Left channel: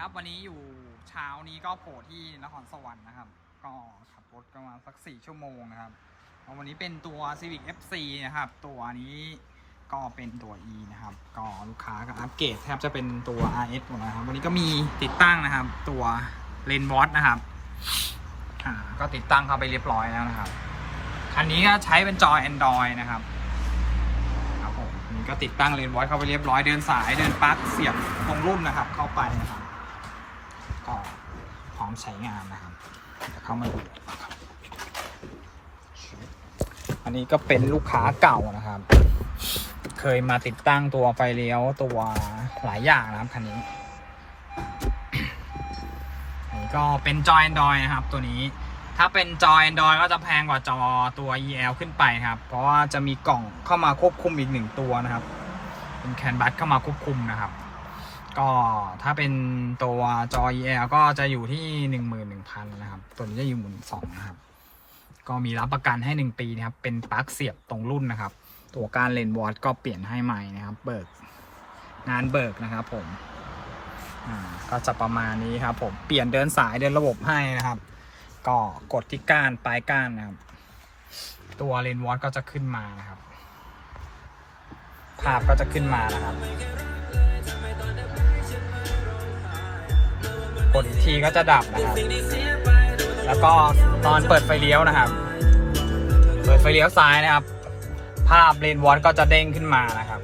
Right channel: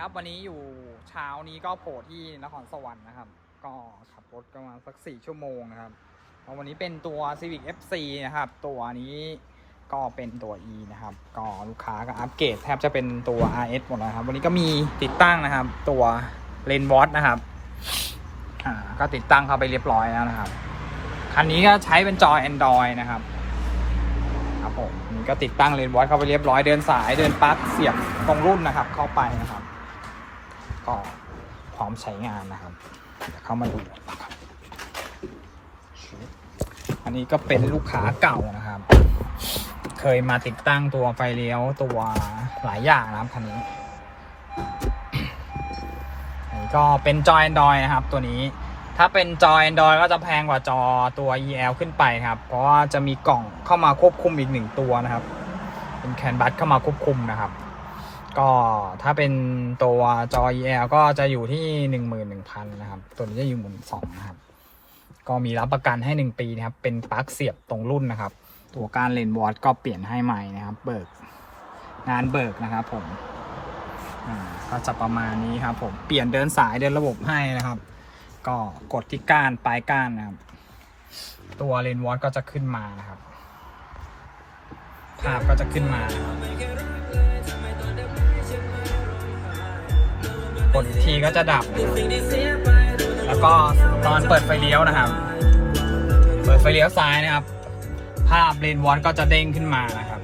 ครับ วันนี้อยู่เช้านี้ก็โผล่ที่นครสวรรค์นะครับ ก็ขับรถประมาณสักสี่ชั่วโมงนะครับวันนี้เป็นตัว Civic FC นะครับ ตัวนี้ก็เป็นตัว E นะครับ ก็ลูกค้าก็อัปเกรดแทบจะเป็นตัว RS หมดแล้วครับ วันนี้ก็มีติดตั้งนะครับ ตัวเลนวอตนะครับ อ่า ก็ติดตั้งเข้าไปเรียบร้อยแล้วนะครับ คันนี้ก็ใช้เป็นจอ Android นะครับครับผมนี่ก็ติดตั้งเลนวอตเข้าไปเรียบร้อยเดินสายเดินปลั๊กเสียบตรงรุ่นนะครับ เข้าไปนะครับ ก็พร้อมใช้งานนะครับ เข้ามาดูอันนี้ก็เป็นลูกค้าเก่านะครับ เคยมาติดตั้งตัวไฟเลี้ยวตัวหลายอย่างนะครับคันนี้อันนี้ก็เป็นจอ Android นะครับ ตัวนี้ ถ้าเป็นจอ Android ก็จะแพงกว่าจอตัว EL ขึ้นไปครับ เพราะว่าจะมีกล่องเข้ามาควบคุมอีกหนึ่งตัวนะครับ เป็นแคนบัสเข้ามาควบคุมนะครับ ก็ถ้าเป็นตัวจอ EL ก็จะอยู่ที่หนึ่งหมื่นหนึ่งพันนะครับ ตัวนี้จะอยู่หมื่นสองนะครับ ก็มีรับประกันให้หนึ่งปีนะครับ เป็นปลั๊กเสียบตรงรุ่นนะครับ ตัวการเลนส์วอตก็เปลี่ยนให้ใหม่นะครับ เบิกงานเบิกนะครับผมอ่าก็จะประมาณนี้ครับผมเปลี่ยนเดินสายเดินระบบให้นะครับ ก็กดที่ก้านปลายก้านนะครับ ตัวเลนวอตก็จะขึ้นมานะครับ ภาพก็จะขึ้นมานะครับ กดทีก็จะดับนะครับ แล้วก็ตอนเปิดไฟเลี้ยวนะครับ เปิดไฟเลี้ยวซ้ายนะครับ ภาพเลนวอตก็จะเด้งขึ้นมานะครับ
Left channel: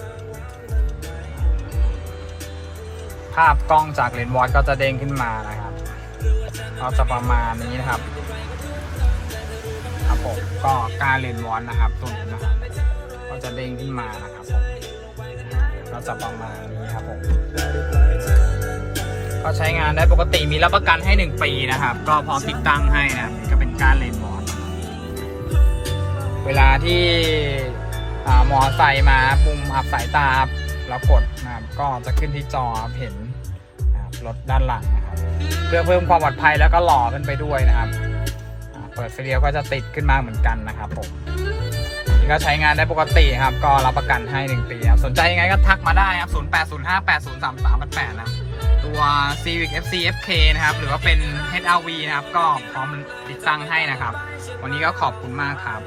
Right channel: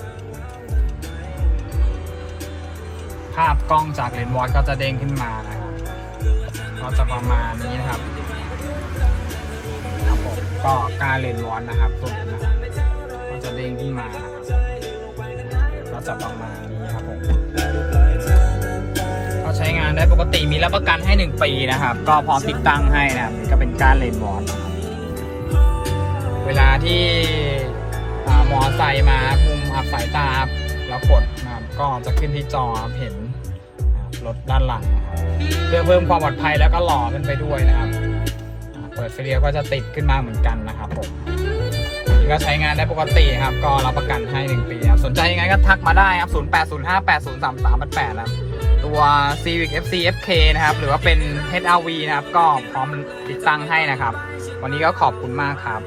ภาพกล้องจากเลนวอตก็จะเด้งขึ้นมานะครับก็จะประมาณนี้นะครับครับผมก็การเลนวอนนะครับตัวนี้นะครับก็จะเด้งขึ้นมานะครับก็จะประมาณนี้ครับผม ใช้งานได้ปกติมีรับประกันให้ 1 ปีนะครับ ก็พร้อมติดตั้งให้นะครับก็เป็นการเลนวอนเวลาที่อ่ามอไซค์มามุมอับสายตาครับแล้วกดนะครับก็จะขึ้นที่จอครับเห็นรถด้านหลังนะครับเพื่อเพิ่มความปลอดภัยแล้วก็หล่อขึ้นไปด้วยนะครับ เปิดไฟเลี้ยวก็จะติดขึ้นมาเหมือนกันนะครับผม ก็ใช้งานได้ปกติครับ ก็รับประกันให้ 1 ปีครับ สนใจยังไงก็ทักมาได้ครับ 0805803388นะครับ ตัว Civic FC FK นะครับ หรือว่าเป็น HRV นะครับ ก็พร้อมติดตั้งให้นะครับ วันนี้ก็ขอบคุณมากครับ